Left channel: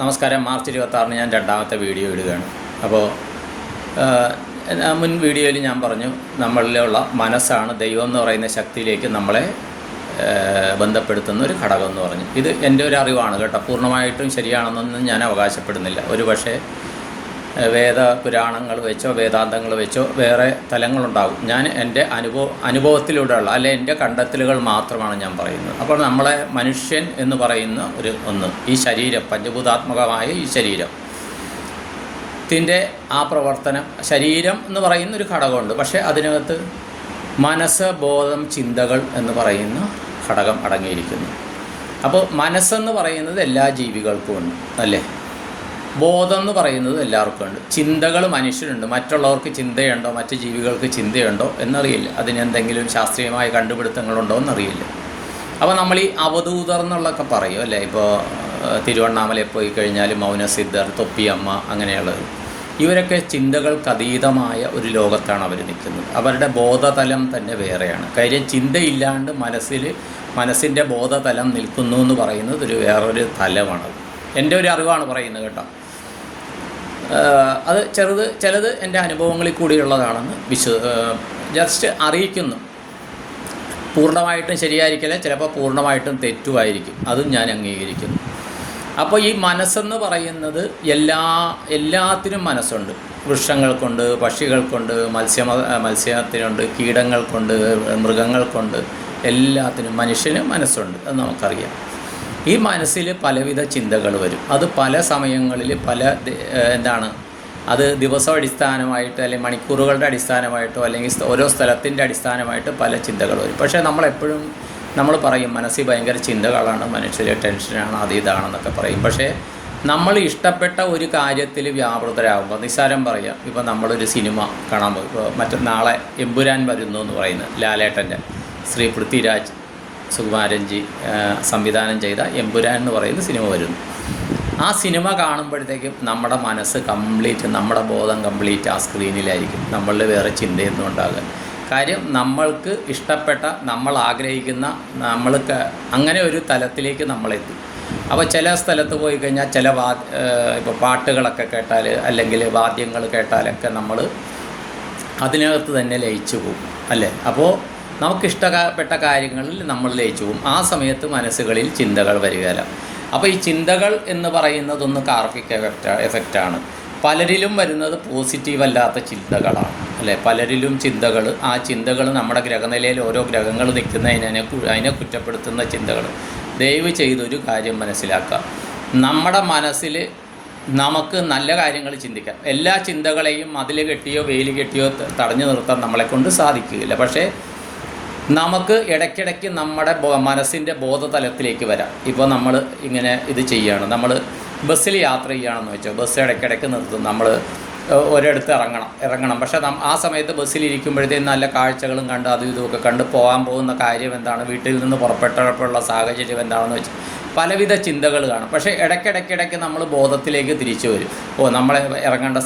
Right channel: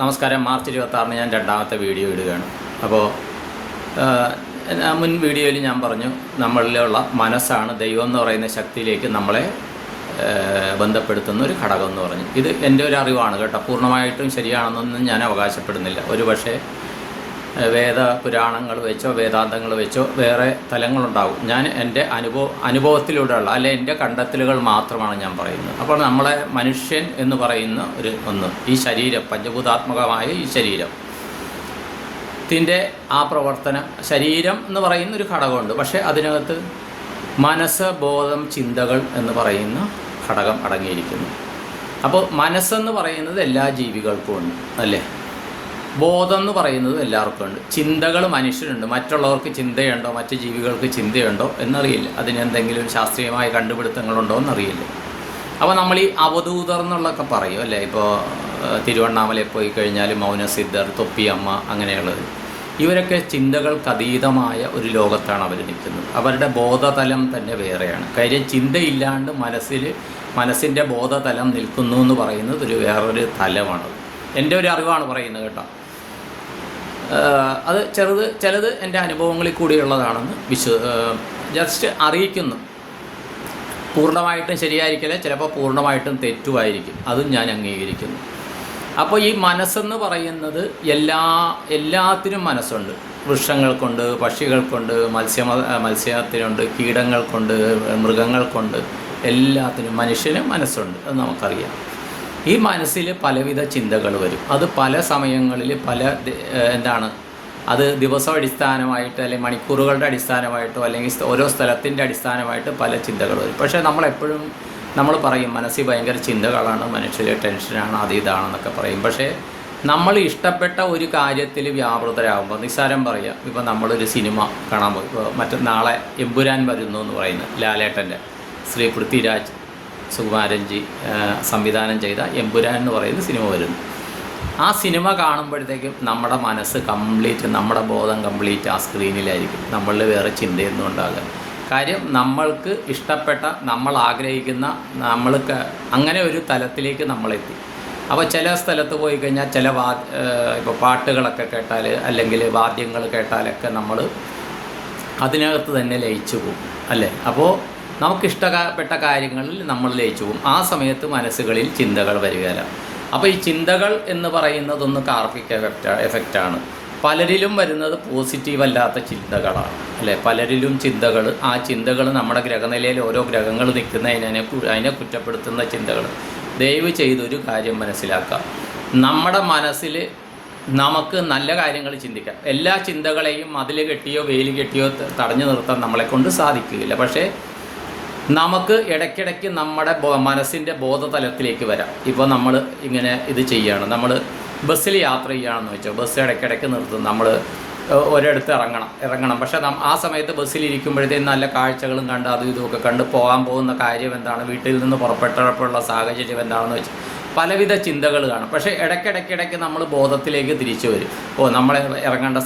നമസ്കാരം. മാർച്ച് 26 ഞാൻ രണ്ടാമത്തെ വീഡിയോ ഇടുകയാണ്. അപ്പോൾ മുൻ വീഡിയോയിൽ ഞാൻ പറഞ്ഞു, നമ്മളിലുള്ള മനസ്സാണ് ദൈവം എന്ന് പറയുന്ന ശക്തിയിലേക്ക് നമ്മളെ ബന്ധപ്പെടുത്തുന്ന ഒരു ഘടകം എന്ന് പറഞ്ഞു. ഇത് എൻ്റെ ഒരു അറിവാണ് കേട്ടോ, പൂർണ്ണമായിട്ടും ശരിയാണെന്നൊന്നും ഞാൻ അവകാശപ്പെടുന്നില്ല. ഒരു പക്ഷേ പുരാണങ്ങൾ വെച്ചോ വേദാന്തങ്ങൾ വെച്ചോ വേറെ തലങ്ങളുണ്ടാകും. ഞാൻ എൻ്റെ അനുഭവത്തിലൂടെയുള്ള അല്ലെ എൻ്റെ കണ്ടെത്തലുകൾ മാത്രമാണ് ഞാൻ പറയുന്നത്. അപ്പോൾ നമ്മളെ മനുഷ്യൻ എന്ന് പറയുന്ന ഈ ശരീരം, പഞ്ചഭൂതാത്മകമായ ഈ ശരീരത്തിൻ്റെ ആ പ്രവർത്തനം, ശരീരം എന്ന് പറയുന്ന ഒരു ഘടകമുണ്ട്. പക്ഷേ അതിനകത്ത് മനസ്സ്, ബോധം, ചിന്തകൾ എന്ന് പറയുന്ന ഘടകം അടങ്ങിയിരിക്കുന്നു. അപ്പോൾ മനസ്സെന്ന് പറയുന്നത് എല്ലാ ജീവികൾക്കും ഉണ്ട് അല്ലേ, ബോധം എന്ന് പറയുന്നത് എല്ലാവർക്കും ഉണ്ട്, ചിന്തകൾ മനുഷ്യനുണ്ട്. മറ്റുള്ളവർക്ക് ചിന്തയുണ്ടോ, മറ്റ് ജീവികൾക്ക് ചിന്തയുണ്ടോ എന്നറിയില്ല. അതിനെന്തെങ്കിലും ശാസ്ത്രീയമായ കണ്ടുപിടുത്തങ്ങളുണ്ടോ എന്നറിയില്ല. അപ്പോൾ നമ്മൾ ഈ അവധൂതർ എന്നുള്ളതൊക്കെ പറയും അല്ലേ. ഇപ്പോൾ തിരുവണ്ണാമലയിൽ പോയി കഴിഞ്ഞാൽ മൗനസിദ്ധർ, തൊപ്പിയമ്മ, അങ്ങനെയുള്ളത്, ഇവരൊക്കെ ചിന്തകൾക്ക് അതീതമായ ഒരു ലോകത്താണ് അവർ നിൽക്കുന്നത്. അവരുടെ ബോധതലം തന്നെ വേറെയാണ്. കാര്യം ചിന്തയില്ലാണ്ട് മനസ്സിൻ്റെ ബോധതലം നിൽക്കുന്നു എന്ന് പറയുന്നത് വേറൊരു തലമാണ്. എൻ്റെ ഒരു അറിവാണ് പറയുന്നത് കേട്ടോ. അത് ചിലത് എൻ്റെ അനുഭവങ്ങളിൽ കൂടിയുള്ളതാണെന്ന് ജസ്റ്റ് അറിയിക്കുന്നു. പൂർണ്ണമായിട്ടും ശരിയായിരിക്കില്ല, ചിലപ്പോൾ പൂർണ്ണമായിട്ടും തെറ്റുമായിരിക്കും. അതും ഞാൻ അംഗീകരിക്കുന്നു. അപ്പോൾ ഈ മനസ്സെന്ന് പറയുന്നത് എല്ലാത്തിനും മനസ്സുണ്ട്. വൃക്ഷങ്ങൾക്കുണ്ട്, പക്ഷികൾക്കുണ്ട്, മത്സ്യത്തിനുണ്ട്, കീടങ്ങൾക്കുണ്ട്, മൃഗങ്ങൾക്കുണ്ട്, എല്ലാത്തിനും മനുഷ്യനും മനസ്സുണ്ട്. അത് നമുക്കറിയാം. ഈ മനസ്സിൽ പലവിധ ചിന്തകൾ വരും. അത് പല സമയങ്ങളിൽ അത് ദിവസം അടിസ്ഥാനമായിട്ട് അല്ലെങ്കിൽ മണിക്കൂറുകളുടെ അടിസ്ഥാനമായിട്ടോ അല്ലെങ്കിൽ ഓരോ സ്ഥലത്തിൻ്റെ അടിസ്ഥാനമായിട്ട് പല ചിന്തകൾ വരും. പക്ഷേ നമ്മൾ പറയും മനസ്സിൽ ഭയങ്കര ചിന്തകളാണ്, മനുഷ്യർ ടെൻഷനാണ്, അത് ഇതാണെന്നൊക്കെ പറയും. പക്ഷേ നമ്മൾ ഇഷ്ടപ്പെട്ട ഒരു കാര്യത്തിൽ വ്യാപൃതരാകുമ്പോൾ, നിസ്സാരം പറയാം, ഇപ്പോൾ നമ്മളൊരു സിനിമ കാണാൻ പോയി. ഇപ്പോൾ നാളെ എമ്പുരാൻ വരുന്നു എന്ന് പറയുന്നത് ലാലേട്ടൻ്റെ, ശ്രീ പൃഥ്വിരാജ് സുകുമാരൻജി സംവിധാനം ചെയ്ത എമ്പുരാൻ എന്ന് പറയുന്ന സിനിമ വരുന്നു. ആ സിനിമ കാണുമ്പോഴത്തേക്കും നമ്മുടെ മനസ്സ് കംപ്ലീറ്റ്, നമ്മുടെ ബോധം കംപ്ലീറ്റ് ആ സ്ക്രീനിലായിരിക്കും. നമ്മളിൽ വേറെ ചിന്തയൊന്നും ഉണ്ടാകും. കാര്യം നമ്മൾക്ക് ഇഷ്ടപ്പെട്ട, നമ്മൾ ആഗ്രഹിക്കുന്ന, നമ്മൾക്ക് അങ്ങനെ ഒരു തലത്തിലേക്ക് നമ്മളെത്തും. അപ്പോൾ ചില സ്ഥലത്ത് പോയി കഴിഞ്ഞാൽ ഇപ്പോൾ പാട്ടുകളൊക്കെ കേട്ടാൽ അല്ലെങ്കിൽ വാദ്യങ്ങൾ കേട്ടാലൊക്കെ നമ്മൾ അതിനകത്ത് തന്നെ ലയിച്ചു പോകും അല്ലേ. അപ്പോൾ നമുക്കിഷ്ടപ്പെട്ട കാര്യങ്ങളിൽ നമ്മൾ ലയിച്ചു പോകും. ആ സമയത്ത് മനസ്സുകളിൽ ചിന്തകൾ വരികയില്ല. അപ്പോൾ ഈ ചിന്തകൾ എന്ന് പറയുന്നതൊന്ന് കാർമിക് എഫക്റ്റാണ്. പലരിലും വരുന്നത് പോസിറ്റീവ് അല്ലാത്ത ചിന്തകളാണ് അല്ലേ. പലരിലും ആ ചിന്തകൾ നമ്മുടെ ഗ്രഹനിലയിൽ ഓരോ ഗ്രഹങ്ങൾ അതിനെ കുറ്റപ്പെടുത്തുന്ന ചിന്തകൾ. ദയവ് ചെയ്തൊരു കാര്യം മനസ്സിലാക്കുക, നമ്മുടെ മനസ്സിൽ നമുക്ക് നല്ല കാര്യങ്ങൾ ചിന്തിക്കാം. എല്ലാ ചിന്തകളെയും മതിൽ കെട്ടിയോ വേലി കെട്ടിയോ തടഞ്ഞു നിർത്താൻ നമ്മളെക്കൊണ്ട് സാധിക്കുകയില്ല. പക്ഷേ നമുക്ക് ഇടയ്ക്കിടയ്ക്ക് നമ്മുടെ മനസ്സിൻ്റെ ബോധതലത്തിലേക്ക് വരാം. ഇപ്പോൾ നമ്മൾ ഇങ്ങനെ ഇത് ചെയ്യുകയാണ്, നമ്മൾ ബസ്സിൽ യാത്ര ചെയ്യുകയാണെന്ന് വെച്ചോ, ബസ് ഇടയ്ക്കിടയ്ക്ക് നിർത്തും, നമ്മൾ ഒരിടത്ത് ഇറങ്ങണം. പക്ഷേ ആ സമയത്ത് ബസ്സിലിരിക്കുമ്പോഴത്തേക്കും നല്ല കാഴ്ചകളും കണ്ട് അതും ഇതുമൊക്കെ കണ്ട് പോകുന്ന കാര്യം എന്താണ്, വീട്ടിൽ നിന്ന് പുറപ്പെട്ടപ്പോഴുള്ള സാഹചര്യം എന്താണെന്ന് വെച്ചാൽ പലവിധ ചിന്തകൾ കാണും. പക്ഷേ ഇടയ്ക്കിടയ്ക്ക് നമ്മൾ ബോധത്തിലേക്ക് തിരിച്ചു വരും. നമ്മൾ ഇറങ്ങേണ്ട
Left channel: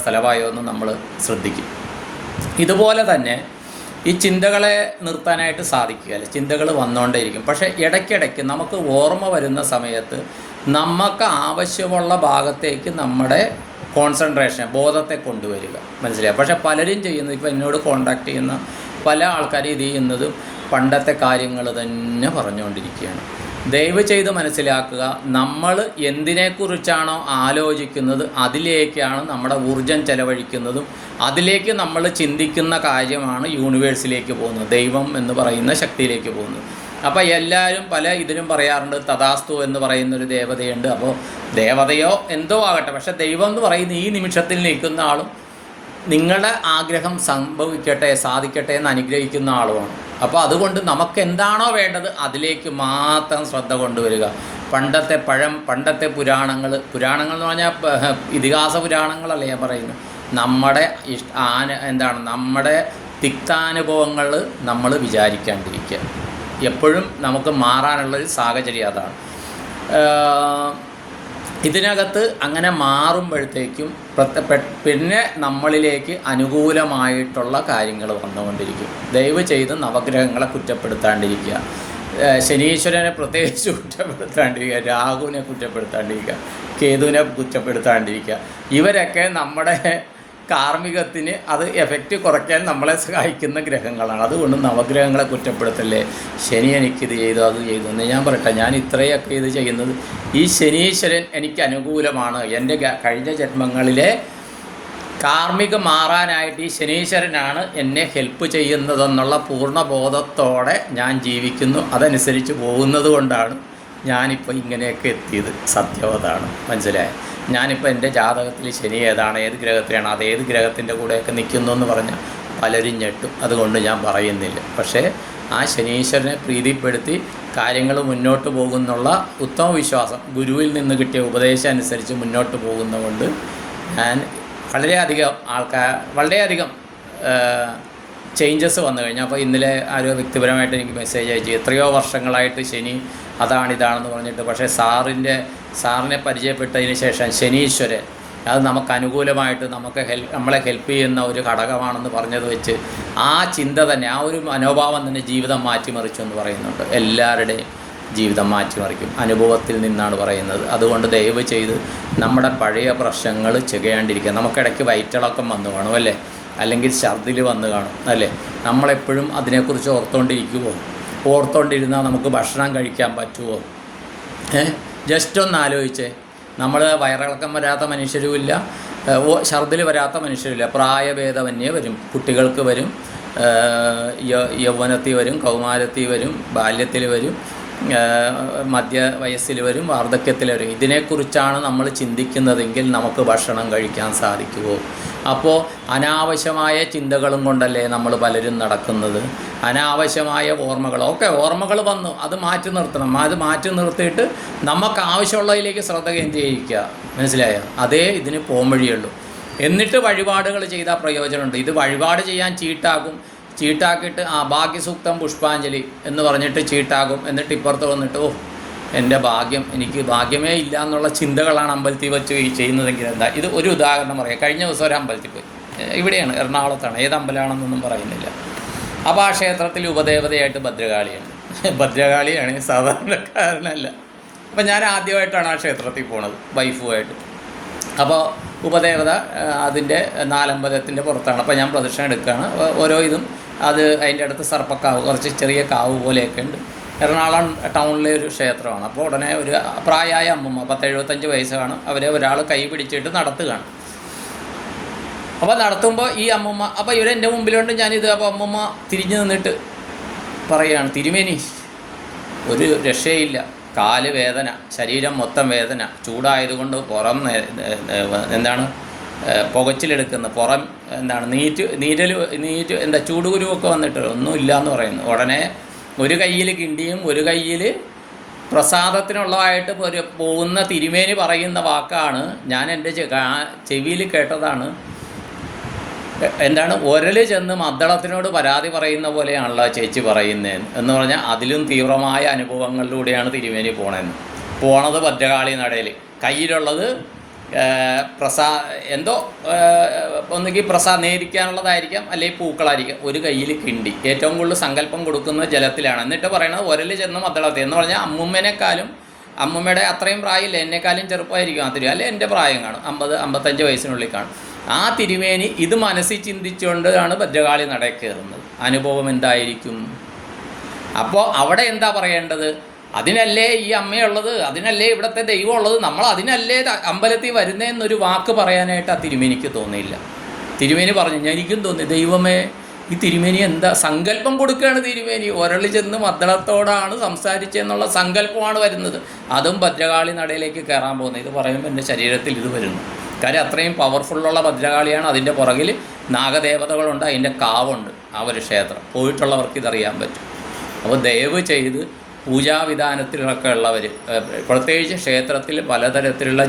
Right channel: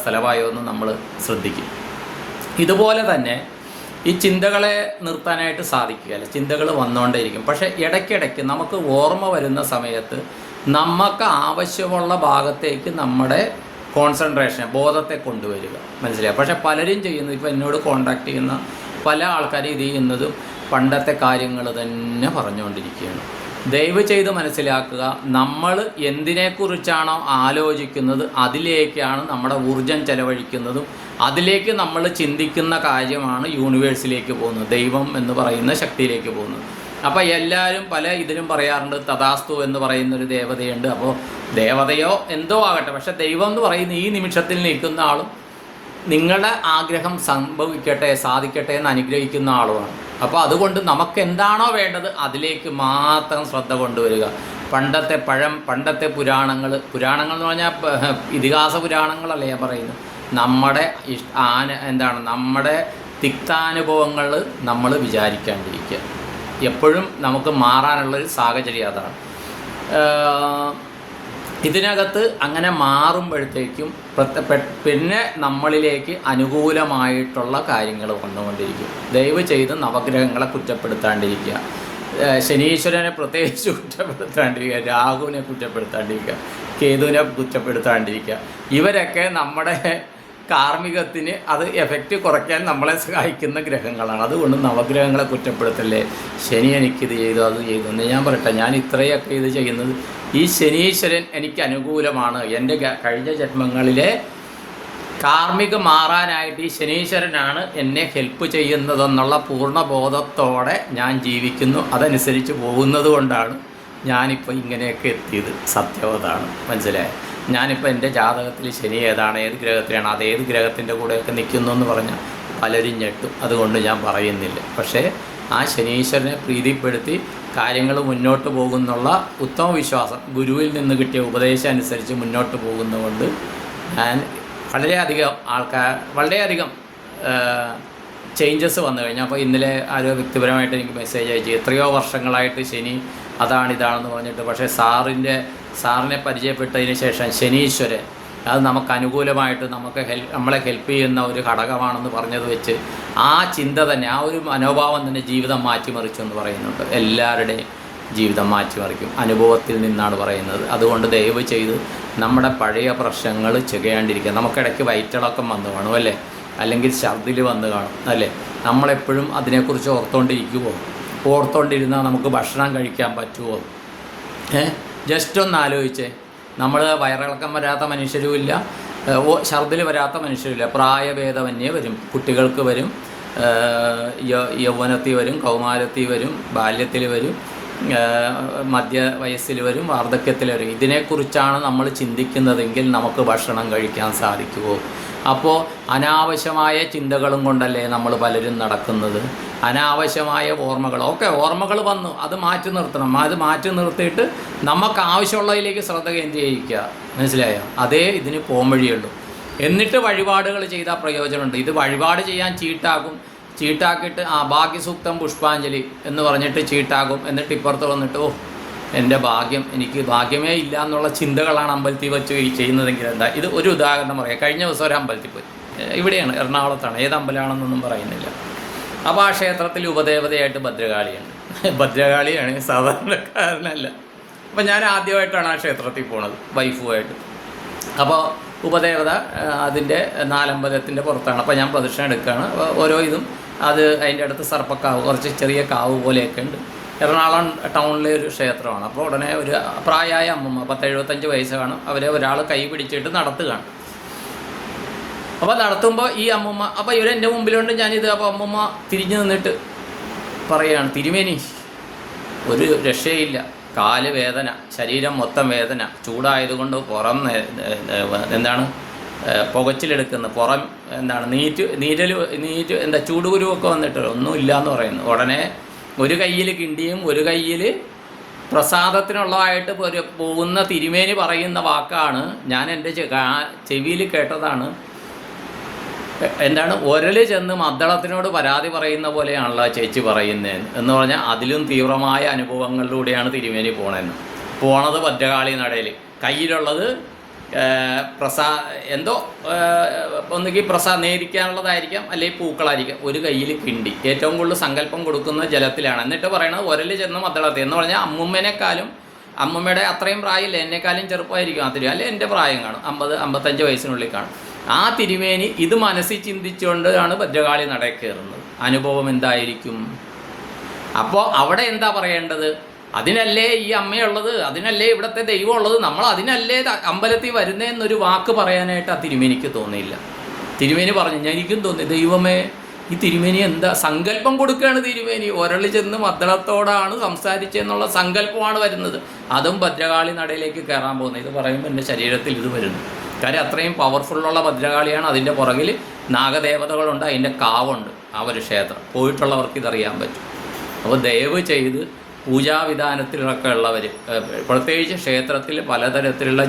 സ്ഥലമായോ എന്ന് നമ്മൾ ശ്രദ്ധിക്കും. ഇതുപോലെ തന്നെ ഈ ചിന്തകളെ നിർത്താനായിട്ട് സാധിക്കുകയില്ല. ചിന്തകൾ വന്നുകൊണ്ടേയിരിക്കും. പക്ഷേ ഇടയ്ക്കിടയ്ക്ക് നമുക്ക് ഓർമ്മ വരുന്ന സമയത്ത് നമുക്ക് ആവശ്യമുള്ള ഭാഗത്തേക്ക് നമ്മുടെ കോൺസെൻട്രേഷൻ, ബോധത്തെ കൊണ്ടുവരിക, മനസ്സിലായി. പക്ഷേ പലരും ചെയ്യുന്നത്, ഇപ്പോൾ എന്നോട് കോൺടാക്ട് ചെയ്യുന്ന പല ആൾക്കാരും ഇത് ചെയ്യുന്നതും പണ്ടത്തെ കാര്യങ്ങൾ തന്നെ പറഞ്ഞുകൊണ്ടിരിക്കുകയാണ്. ദയവ് ചെയ്ത് മനസ്സിലാക്കുക, നമ്മൾ എന്തിനെക്കുറിച്ചാണോ ആലോചിക്കുന്നത് അതിലേക്കാണ് നമ്മുടെ ഊർജം ചെലവഴിക്കുന്നതും അതിലേക്ക് നമ്മൾ ചിന്തിക്കുന്ന കാര്യമാണ് യൂണിവേഴ്സിലേക്ക് പോകുന്നത്, ദൈവം എന്ന് പറയുന്ന ശക്തിയിലേക്ക് പോകുന്നത്. അപ്പോൾ എല്ലാവരും പല ഇതിനും പറയാറുണ്ട്, തഥാസ്തു എന്ന് പറയുന്നൊരു ദേവതയുണ്ട്. അപ്പോൾ ദേവതയോ എന്തോ ആകട്ടെ, പക്ഷേ ദൈവം എന്ന് പറയുന്ന ഈ നിമിഷത്തിൽ നിൽക്കുന്ന ആളും നിങ്ങളുടെ ആഗ്രഹം സാധിക്കട്ടെ എന്ന് അനുഗ്രഹിക്കുന്ന ആളുമാണ്. അപ്പോൾ അതുകൊണ്ട് നമുക്ക് എന്താണോ വേണ്ടത് അതിലേക്ക് മാത്രം ശ്രദ്ധ കൊണ്ടുവരിക. പണ്ടത്തെ പുരാണങ്ങൾ എന്ന് പറഞ്ഞാൽ ഇതിഹാസ പുരാണങ്ങളല്ലേ ഞാൻ പറയുന്നത്. നമ്മുടെ നമ്മുടെ തിക്താനുഭവങ്ങൾ നമ്മൾ വിചാരിക്കാണ്ടിരിക്കുക. എപ്പോഴും നമുക്ക് മാറാനുള്ളൊരു സാഹചര്യം അതാണ്. ഇതിനകത്ത് അങ്ങനെ മാറുമ്പോഴത്തേക്കും പിന്നെ നമ്മളിലേക്ക് അനുകൂലമായിട്ടുള്ള കാര്യങ്ങൾ വന്നുകൊണ്ടിരിക്കും. ദയവ് ചെയ്ത് നവഗ്രഹങ്ങളെ കുറ്റപ്പെടുത്താണ്ടിരിക്കുക. ശനീശ്വരനെ പ്രത്യേകിച്ച് കുറ്റപ്പെടുത്താണ്ടിരിക്കുക, രാഹുവിനെ കുറ്റപ്പെടുത്താണ്ടിരിക്കുക, കേതുവിനെ കുറ്റപ്പെടുത്താണ്ടിരിക്കുക. ഇവരൊക്കെ നമ്മുടെ കാർമ്മികത്തിന് അത് എഫക്റ്റ് കുറയ്ക്കാൻ നമ്മളെ സഹായിക്കുന്ന ഗ്രഹങ്ങളാണ്. അതുകൊണ്ട് നവഗ്രഹങ്ങളെ കുറ്റപ്പെടുത്തല്ലേ, ശനി എനിക്കിത് ചെയ്തു അത് ചെയ്തു എന്ന് ഞാൻ പറയട്ടെ. ഞാൻ ഇത്രയൊക്കെ ഇത് ചെയ്യുന്നത് ഈ ശനീശ്വരൻ എനിക്ക് അനുകൂലമാണ്. എൻ്റെ കഴിഞ്ഞ ജന്മങ്ങളിലെ കാർമ്മികം മാറാനായിട്ട് ഈ ശനീശ്വരനാണ് എന്നെ ഹെൽപ്പ് ചെയ്യുന്നതെന്നുള്ള പൂർണ്ണബോധത്തോടെ ഞാൻ ജീവിക്കുന്നു. അതനുസരിച്ച് പോകുന്നത് കൊണ്ടാണ് ഞാനിപ്പോൾ ഇങ്ങനെയൊക്കെ എത്തിയത്. സത്യം അതാണ്, മനസ്സിലായത്. ഞാനിപ്പോൾ എൻ്റെ ജാതകത്തിൽ ശനി ഏതാണ്, ഏത് ഗ്രഹത്തിലാണ്, അത് ഏത് ഗ്രഹത്തിൻ്റെ കൂടെയൊക്കെ നിൽക്കുന്നു എന്ന് പറഞ്ഞാൽ പലരും ഞെട്ടും. അതുകൊണ്ട് ഞാൻ പറയുന്നില്ല. പക്ഷേ ആ ശനീശ്വരനെ പ്രീതിപ്പെടുത്തി കാര്യങ്ങൾ മുന്നോട്ട് പോകുന്നുള്ള ഉത്തമ വിശ്വാസം, ഗുരുവിൽ നിന്ന് കിട്ടിയ ഉപദേശം അനുസരിച്ച് മുന്നോട്ട് പോകുന്നതുകൊണ്ട് ഞാൻ വളരെയധികം ചേഞ്ചസ് വന്നു കഴിഞ്ഞു. അപ്പോൾ ഇന്നലെ ആരോ വ്യക്തിപരമായിട്ട് എനിക്ക് മെസ്സേജ് അയച്ചു, എത്രയോ വർഷങ്ങളായിട്ട് ശനി ഇതാണെന്ന് പറഞ്ഞിട്ട്. പക്ഷേ സാറിനെ പരിചയപ്പെട്ടതിന് ശേഷം ശനീശ്വരൻ അത് നമുക്ക് അനുകൂലമായിട്ട് നമ്മളെ ഹെൽപ്പ് ചെയ്യുന്ന ഒരു ഘടകമാണെന്ന് പറഞ്ഞത് വെച്ച് ആ ചിന്ത തന്നെ, ആ ഒരു മനോഭാവം തന്നെ ജീവിതം മാറ്റിമറിച്ചു എന്ന് പറയുന്നുണ്ട്. എല്ലാവരുടെയും ജീവിതം മാറ്റിമറിക്കും, അനുഭവത്തിൽ നിന്നാണ് പറയുന്നത്. അതുകൊണ്ട് ദയവ് ചെയ്ത് നമ്മുടെ പഴയ പ്രശ്നങ്ങൾ ചെയ്യാണ്ടിരിക്കുക. നമുക്കിടയ്ക്ക് വയറ്റിളക്കം വന്നു കാണും അല്ലേ, അല്ലെങ്കിൽ ഛർദിൽ വന്ന് കാണും അല്ലേ. നമ്മളെപ്പോഴും അതിനെക്കുറിച്ച് ഓർത്തോണ്ടിരുന്നാൽ നമുക്ക് ഭക്ഷണം കഴിക്കാൻ പറ്റുമോ? ജസ്റ്റ് ഒന്ന് ആലോചിച്ചേ. നമ്മൾ വയറിളക്കം വരാത്ത മനുഷ്യരുമില്ല, ഛർദിൽ വരാത്ത മനുഷ്യരില്ല. പ്രായഭേദമന്യേ വരും, കുട്ടികൾക്ക് വരും, യൗവനത്തിൽ വരും, കൗമാരത്തിൽ വരും, ബാല്യത്തിൽ വരും, മധ്യ വയസ്സിൽ വരും, വാർദ്ധക്യത്തിൽ വരും. ഇതിനെക്കുറിച്ചാണ് നമ്മൾ ചിന്തിക്കുന്നതെങ്കിൽ നമുക്ക് ഭക്ഷണം കഴിക്കാൻ സാധിക്കുമോ? അപ്പോൾ അനാവശ്യമായ ചിന്തകളും കൊണ്ടല്ലേ നമ്മൾ പലരും നടക്കുന്നത്. അനാവശ്യമായ ഓർമ്മകൾ വന്നു, അത് മാറ്റി നിർത്തണം. അത് മാറ്റി നിർത്തിയിട്ട് നമുക്ക് ആവശ്യമുള്ളതിലേക്ക് ശ്രദ്ധ കേന്ദ്രീകരിക്കുക, മനസ്സിലായോ? അതേ ഇതിന് പോംവഴിയുള്ളൂ. എന്നിട്ട് വഴിപാടുകൾ ചെയ്താൽ പ്രയോജനമുണ്ട്. ഇത് വഴിപാട് ചെയ്യാൻ ചീട്ടാക്കിയിട്ട് ഭാഗ്യസൂക്തം പുഷ്പാഞ്ജലി എന്ന് പറഞ്ഞിട്ട് ചീട്ടാകും. എന്നിട്ട് ഇപ്പുറത്ത് വന്നിട്ട് എൻ്റെ എനിക്ക് ഭാഗ്യമേ ഇല്ല എന്നുള്ള ചിന്തകളാണ് അമ്പലത്തിൽ വെച്ച് ചെയ്യുന്നതെങ്കിൽ എന്താ? ഇത് ഒരു ഉദാഹരണം പറയാം. കഴിഞ്ഞ ദിവസം ഒരു അമ്പലത്തിൽ പോയി, ഇവിടെയാണ്, എറണാകുളത്താണ്, ഏത് അമ്പലമാണെന്നൊന്നും പറയുന്നില്ല. അപ്പോൾ ആ ക്ഷേത്രത്തിൽ ഉപദേവതയായിട്ട് ഭദ്രകാളിയാണ്, സാധാരണക്കാരനല്ല. അപ്പോൾ ഞാൻ ആദ്യമായിട്ടാണ് ആ ക്ഷേത്രത്തിൽ പോണത് വൈഫുമായിട്ട്. അപ്പോൾ ഉപദേവത അതിൻ്റെ നാലമ്പലത്തിൻ്റെ പുറത്താണ്. അപ്പോൾ ഞാൻ പ്രദക്ഷിണം എടുക്കുകയാണ്. ഓരോ ഇതും അതിൻ്റെ അടുത്ത് സർപ്പക്കാവ്, കുറച്ച് ചെറിയ കാവ് പോലെയൊക്കെ ഉണ്ട്. എറണാകുളം ടൗണിലെ ഒരു ക്ഷേത്രമാണ്. അപ്പോൾ ഉടനെ ഒരു പ്രായമായ അമ്മൂമ്മ, 10-75 വയസ്സാണ്, അവരെ ഒരാൾ കൈ പിടിച്ചിട്ട് നടത്തുകയാണ്. അപ്പോൾ നടത്തുമ്പോൾ ഈ അമ്മൂമ്മ, അപ്പോൾ ഇവരെൻ്റെ മുമ്പിലുണ്ട്, ഞാനിത്. അപ്പോൾ അമ്മൂമ്മ തിരിഞ്ഞു നിന്നിട്ട് പറയുകയാണ്, തിരുമേനി ഒരു രക്ഷയില്ല, കാല് വേദന, ശരീരം മൊത്തം വേദന, ചൂടായതുകൊണ്ട് പുറം പുകച്ചിലെടുക്കുന്ന പുറം നീറ്റ് ചൂടുകുരുവൊക്കെ വന്നിട്ട് ഒന്നുമില്ല എന്ന് പറയുന്നു. ഉടനെ ഒരു കയ്യിൽ കിണ്ടിയും ഒരു കയ്യിൽ പ്രസാദത്തിനുള്ളതായിട്ട് പോകുന്ന തിരുമേനി പറയുന്ന വാക്കാണ്, ഞാൻ എൻ്റെ ചെവിയിൽ കേട്ടതാണ്. ഒരല് ചെന്ന് മദ്ദളത്തിനോട് പരാതി പറയുന്ന പോലെയാണല്ലോ ചേച്ചി പറയുന്നത് എന്ന് പറഞ്ഞാൽ അതിലും തീവ്രമായ അനുഭവങ്ങളിലൂടെയാണ് തിരുമേനി പോണത്. ഭദ്രകാളി നടയിൽ കയ്യിലുള്ളത് ഒന്നുകിൽ നേരിക്കാനുള്ളതായിരിക്കാം, അല്ലെങ്കിൽ പൂക്കളായിരിക്കും. ഒരു കയ്യിൽ കിണ്ടി, ഏറ്റവും കൂടുതൽ സങ്കല്പം കൊടുക്കുന്നത് ജലത്തിലാണ്. എന്നിട്ട് പറയണത് ഒരല് ചെന്ന് മദ്ദളത്തിൽ എന്ന് പറഞ്ഞാൽ അമ്മൂമ്മയുടെ അത്രയും പ്രായമില്ല, എന്നെക്കാളും ചെറുപ്പമായിരിക്കും ആ തിരുമേനി, അല്ലെ എൻ്റെ പ്രായം കാണും, 50-55 വയസ്സിനുള്ളിൽ കാണും. ആ തിരുമേനി ഇത് മനസ്സിൽ ചിന്തിച്ചുകൊണ്ടാണ് ഭദ്രകാളി നടയിൽ കയറുന്നത്. അനുഭവം എന്തായിരിക്കും? അപ്പോൾ അവിടെ എന്താ പറയേണ്ടത്? അതിനല്ലേ ഈ അമ്മയുള്ളത്, അതിനല്ലേ ഇവിടുത്തെ ദൈവം ഉള്ളത്, നമ്മൾ അതിനല്ലേ അമ്പലത്തിൽ വരുന്നതെന്നൊരു വാക്ക് പറയാനായിട്ട് ആ തിരുമേനിക്ക് തോന്നിയില്ല. തിരുമേനി പറഞ്ഞു, എനിക്കും തോന്നി, ദൈവമേ ഈ തിരുമേനി എന്താ സങ്കല്പം കൊടുക്കുകയാണ്. തിരുമേനി ഒരളി ചെന്ന് മദ്ദളത്തോടാണ് സംസാരിച്ചെന്നുള്ള സങ്കല്പമാണ് വരുന്നത്. അതും ഭദ്രകാളി നടയിലേക്ക് കയറാൻ പോകുന്നത്. ഇത് പറയുമ്പോൾ എൻ്റെ ശരീരത്തിൽ ഇത് വരുന്നു. കാര്യം അത്രയും പവർഫുള്ളുള്ള ഭദ്രകാളിയാണ്. അതിൻ്റെ പുറകിൽ നാഗദേവതകളുണ്ട്, അതിൻ്റെ കാവുണ്ട്. ആ ഒരു ക്ഷേത്രം പോയിട്ടുള്ളവർക്ക് ഇതറിയാൻ പറ്റും. അപ്പോൾ ദയവ് ചെയ്ത് പൂജാവിധാനത്തിലൊക്കെ ഉള്ളവർ, പ്രത്യേകിച്ച് ക്ഷേത്രത്തിൽ പലതരത്തിലുള്ള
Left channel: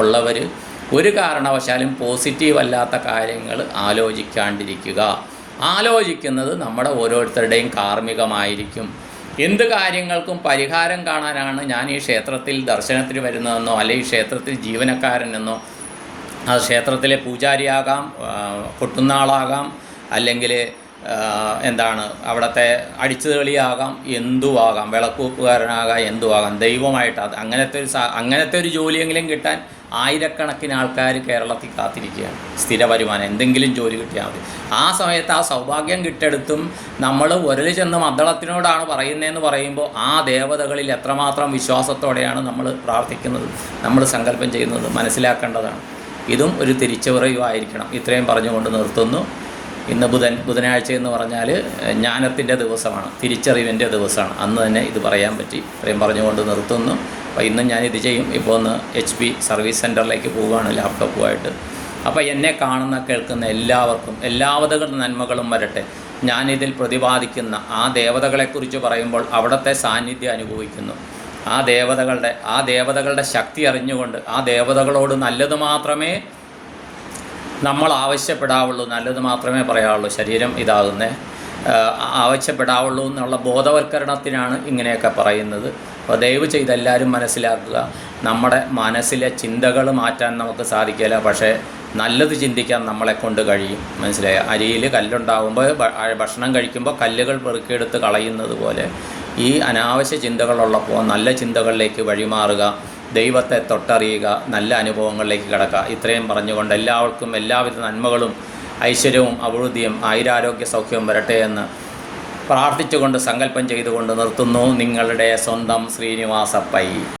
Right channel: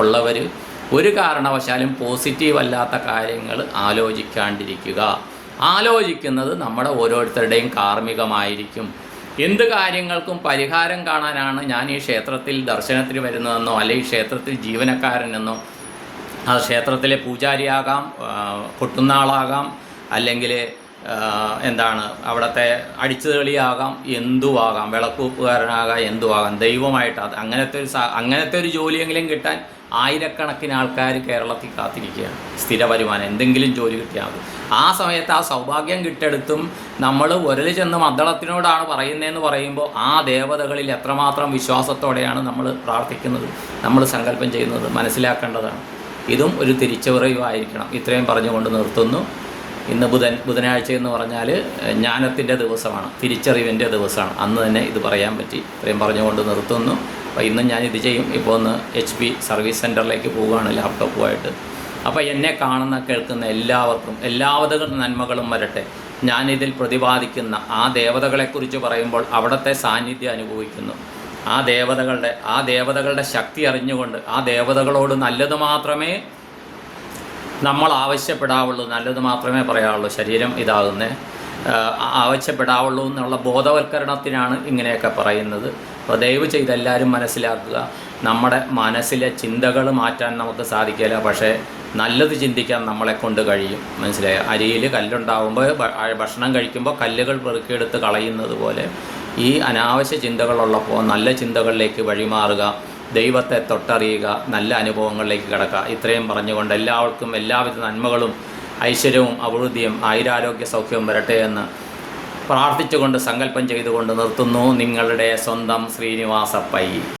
ഉള്ളവർ, ഒരു കാരണവശാലും പോസിറ്റീവ് അല്ലാത്ത കാര്യങ്ങൾ ആലോചിക്കാണ്ടിരിക്കുക. ആലോചിക്കുന്നത് നമ്മുടെ ഓരോരുത്തരുടെയും കാർമ്മികമായിരിക്കും. എന്ത് കാര്യങ്ങൾക്കും പരിഹാരം കാണാനാണ് ഞാൻ ഈ ക്ഷേത്രത്തിൽ ദർശനത്തിന് വരുന്നതെന്നോ അല്ലെങ്കിൽ ക്ഷേത്രത്തിൽ ജീവനക്കാരനെന്നോ, അത് ക്ഷേത്രത്തിലെ പൂജാരിയാകാം, കൊട്ടുന്നാളാകാം, അല്ലെങ്കിൽ എന്താണ് അവിടുത്തെ അടിച്ചുതെളിയാകാം, എന്തുവാകാം, വിളക്കൂപ്പുകാരനാകാം, എന്തുവാകാം, ദൈവമായിട്ട് അത് അങ്ങനത്തെ ഒരു ജോലിയെങ്കിലും കിട്ടാൻ ആയിരക്കണക്കിന് ആൾക്കാർ കേരളത്തിൽ കാത്തിരിക്കുകയാണ്. സ്ഥിര വരുമാനം എന്തെങ്കിലും ജോലി കിട്ടിയാൽ മതി. ആ സമയത്ത് ആ സൗഭാഗ്യം കിട്ടെടുത്തും നമ്മൾ ഉരൽ ചെന്ന് മദ്ദളത്തിനോടാണ് പറയുന്നതെന്ന് പറയുമ്പോൾ ആ ദേവതകളിൽ എത്രമാത്രം വിശ്വാസത്തോടെയാണ് നമ്മൾ പ്രാർത്ഥിക്കുന്നത്, നമ്മൾ സങ്കല്പം ചെയ്യുന്നത് മനസ്സിലാക്കേണ്ടതാണ്. ഇതും ഒരു തിരിച്ചുപറയുമായിരിക്കണം. ഇത്രയും പറഞ്ഞുകൊണ്ട് നിർത്തുന്നു. ഇന്ന് ബുധനാഴ്ച എന്ന് പറഞ്ഞാൽ ജ്ഞാനത്തിൻ്റെ ദിവസമാണ്, തിരിച്ചറിവിൻ്റെ ദിവസമാണ്. അന്ന് തന്നെ ഇത് പറയാൻ പറ്റി. ഇത്രയും പറഞ്ഞുകൊണ്ട് നിർത്തുന്നു. അപ്പോൾ ഇന്നും ഞാനിത് ചെയ്യും. ഇപ്പോൾ ഒന്ന് HP സർവീസ് സെൻറ്ററിലേക്ക് പോവുകയാണ് ലാപ്ടോപ്പുമായിട്ട്. അപ്പോൾ എന്നെ കാണുന്ന കേൾക്കുന്ന എല്ലാവർക്കും എല്ലാവിധ നന്മകളും വരട്ടെ. ഞാനിതിൽ പ്രതിപാദിക്കുന്ന ആ ദേവതകളെക്കുറിച്ച് പറയുമ്പോൾ അവിടുത്തെ സാന്നിധ്യം അനുഭവിക്കുന്നു. ആ ദേവതകളുടെ ശക്തി അറിഞ്ഞുകൊണ്ട് ആ ദേവതകളോട് നല്ലത് മാത്രമേ നമ്മൾ ആവശ്യപ്പെടാവുള്ളൂ, നല്ലത് മാത്രമേ പറയാവുള്ളൂ. ശരീരം ഇതാകുന്നേ ആവശ്യപ്പെടാവുള്ളൂ എന്നുള്ള ബോധവൽക്കരണത്തിനാണ് ഇങ്ങനെയൊക്കെ പറയുന്നത്. അപ്പോൾ ദയവ് ചെയ്ത് എല്ലാവരും മനസ്സിലാക്കുക. നമ്മുടെ മനസ്സിലെ ചിന്തകൾ മാറ്റാൻ നമുക്ക് സാധിക്കില്ല, പക്ഷേ നല്ലത് ചിന്തിക്കാൻ നമ്മളെ കൊണ്ട് കഴിയും. മനസ്സിലായോ? അരിയിൽ കല്ലുണ്ടാകുമ്പോൾ ഭക്ഷണം കഴിക്കുമ്പോൾ കല്ലുകൾ പെറുക്കിയെടുത്ത് കളയുന്നത് പോലെ ഈ അനാവശ്യ ചിന്തകളുള്ളപ്പോൾ നല്ല ചിന്തകളിലേക്ക് വഴിമാറുക, ദൈവത്തെ തൊട്ടറിയുക, നല്ല അനുഭവങ്ങളിലേക്ക് കിടക്കുക. ഇത്രയും പറഞ്ഞുകൊണ്ട് എല്ലാവർക്കും എല്ലാവിധ നന്മകളും ഐശ്വര്യവും അഭിവൃദ്ധിയും ആയുരാരോഗ്യ സൗഖ്യവും വരട്ടെ എന്ന് പ്രാർത്ഥിച്ചുകൊണ്ട് സങ്കല്പം ചെയ്തുകൊണ്ട് നിർത്തുന്നു. നിങ്ങളുടെ സ്വന്തം ശ്രീനിവാസ പൈ.